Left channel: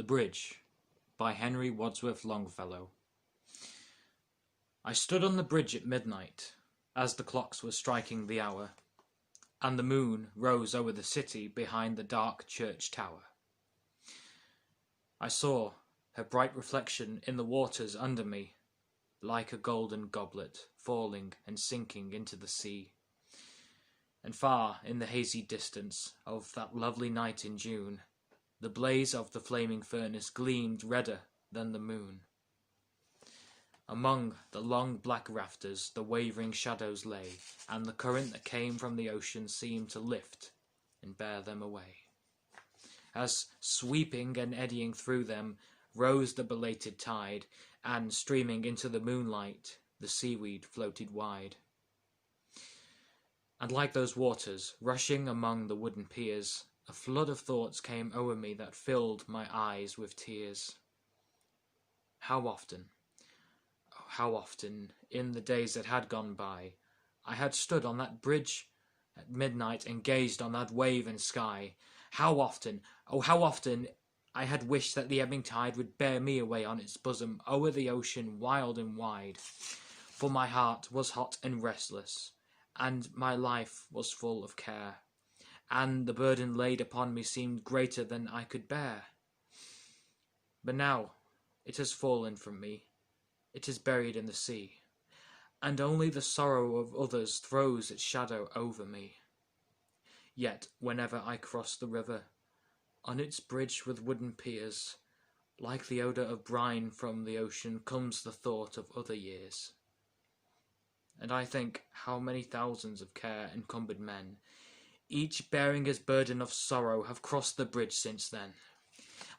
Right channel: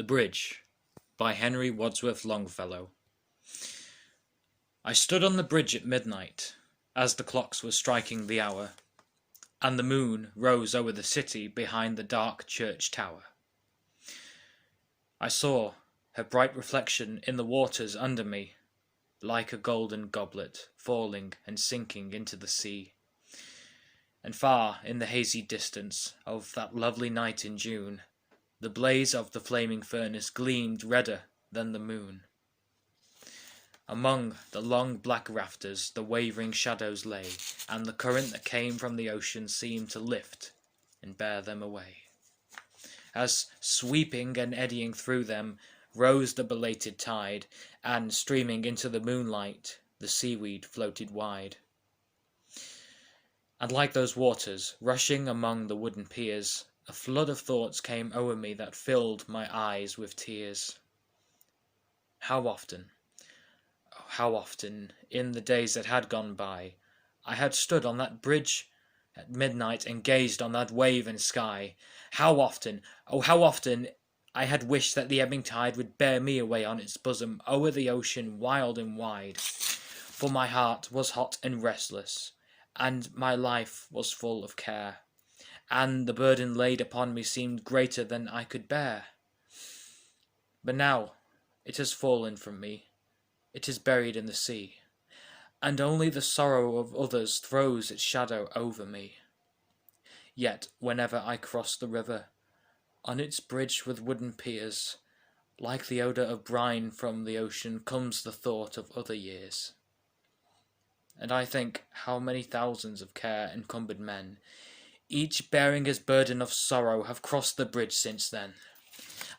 The Bridge by Henry Wadsworth Longfellow. I stood on the bridge at midnight, as the clocks were striking the hour, and the moon rose over the city behind the dark church tower. I saw her bright reflection in the waters under me, like a golden goblet falling and sinking into the sea. And far in the hazy distance of that lovely night in June, the blaze of the flaming furnace gleamed redder than the moon. Among the long black rafters the wavering shadows lay, and the current that came from the ocean seemed to lift and bear them away. As sweeping and eddying through them rose the belated tide, and streaming into the moonlight the seaweed floated wide. And like those waters rushing among the wooden piers, a flood of thoughts came o'er me that filled my eyes with tears. How often, oh, how often, in the days that had gone by, I had stood on that bridge at midnight and gazed on that wave and sky. How often, oh how often, I had wished that the ebbing tide would bear me away on its bosom o'er the ocean wild and wide. For my heart was hot and restless, and my life was full of care, and the burden laid upon me seemed greater than I could bear. But now it has fallen from me, it is buried in the sea, and only the sorrow of others throws its shadow over me. Yet whenever I cross the river, on its bridge with wooden piers, like the odour of brine from the ocean comes the thought of other years. And I think how many thousands of care-encumbered men, each bearing his burden of sorrow, have crossed the bridge since then.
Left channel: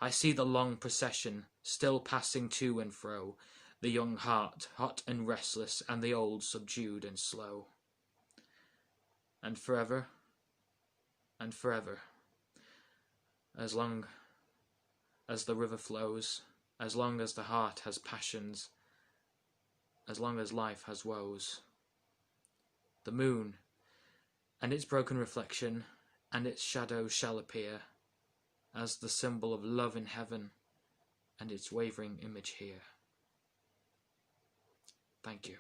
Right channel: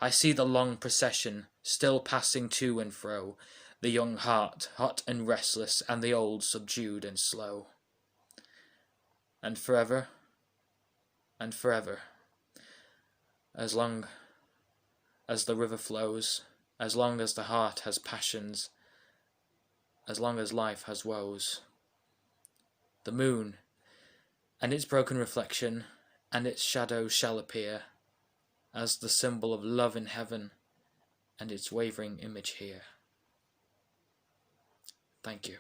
I see the long procession still passing to and fro, the young heart hot and restless, and the old subdued and slow. And forever, as long as the river flows, as long as the heart has passions, as long as life has woes, the moon and its broken reflection and its shadow shall appear as the symbol of love in heaven and its wavering image here. Thank you.